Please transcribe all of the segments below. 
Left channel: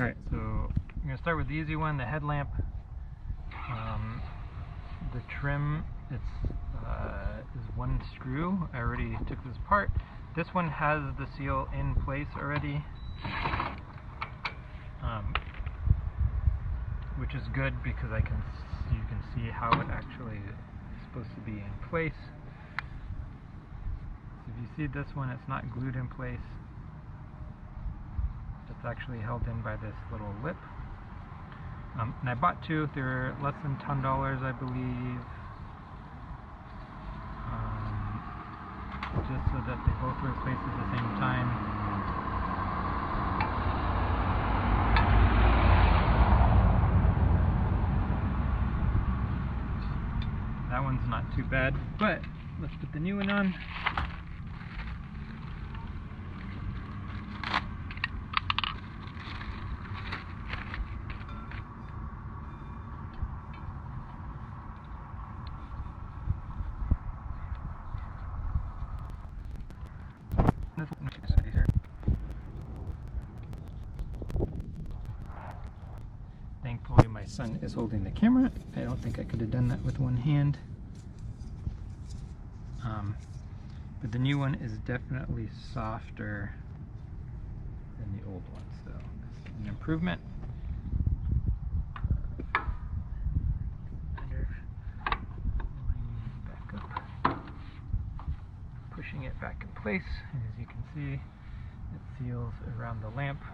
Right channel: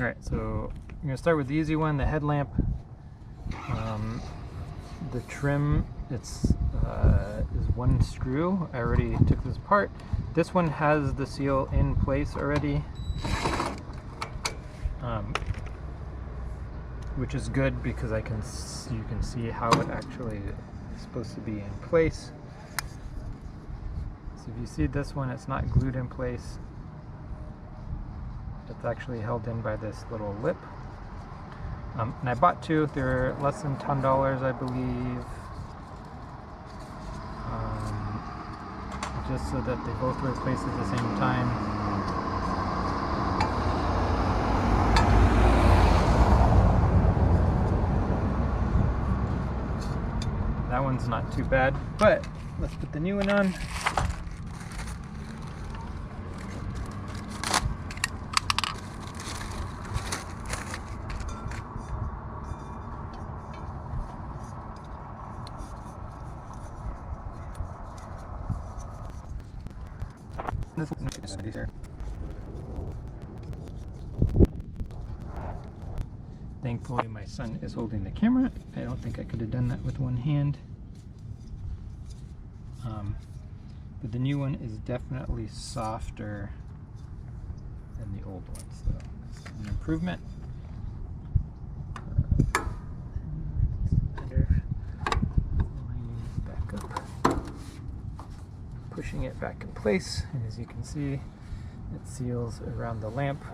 Alright, so I'm going to start with the easy one, the headlamp. The trim, is one screw. I already took this apart. This one has the seal in place already, which is good because you can see how it actually is supposed to be in place. So if you see this one, it's not glued in place. It's actually held in by this little lip. And I bought two. They're less than $10, I believe. Just so that they both were placed at the same time. That one's not too bad, but let's put the new one on. Thankfully my son is holding the camera. I don't think I could have done that with one hand. But the new one is definitely softer than the old one, so it's an improvement. Back up. Pushing it back in place, and as you can see, it seals around the lamp.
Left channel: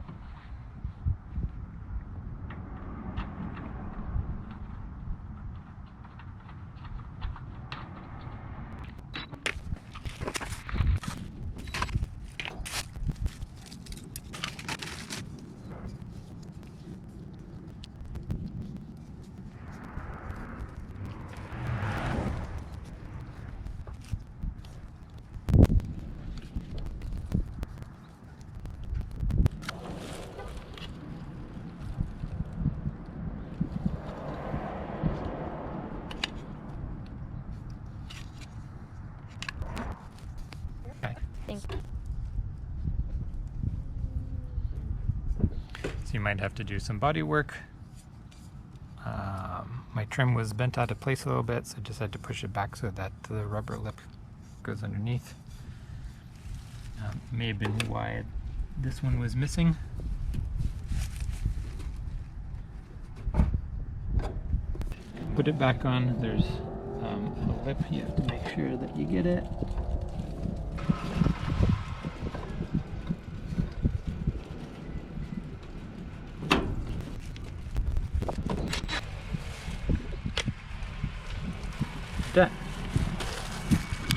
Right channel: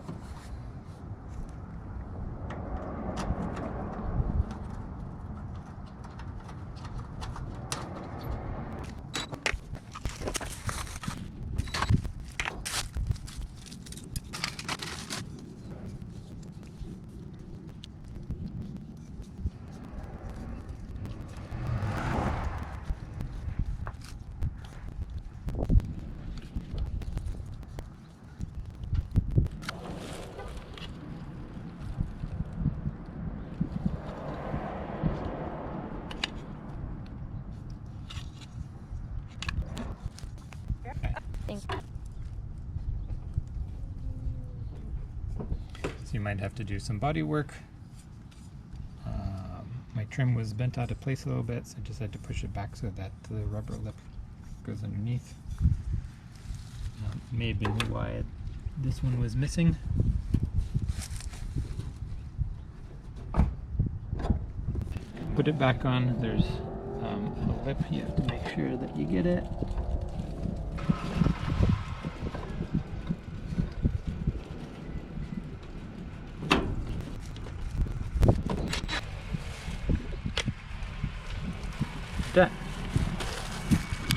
So you might have to do some body work. My trim was bent out of place a little bit, so I just had to push it back so that the rubber lip goes underneath. May have been why this one was missing. Put it back on. There's a lip. You have to make sure that you get it. Done.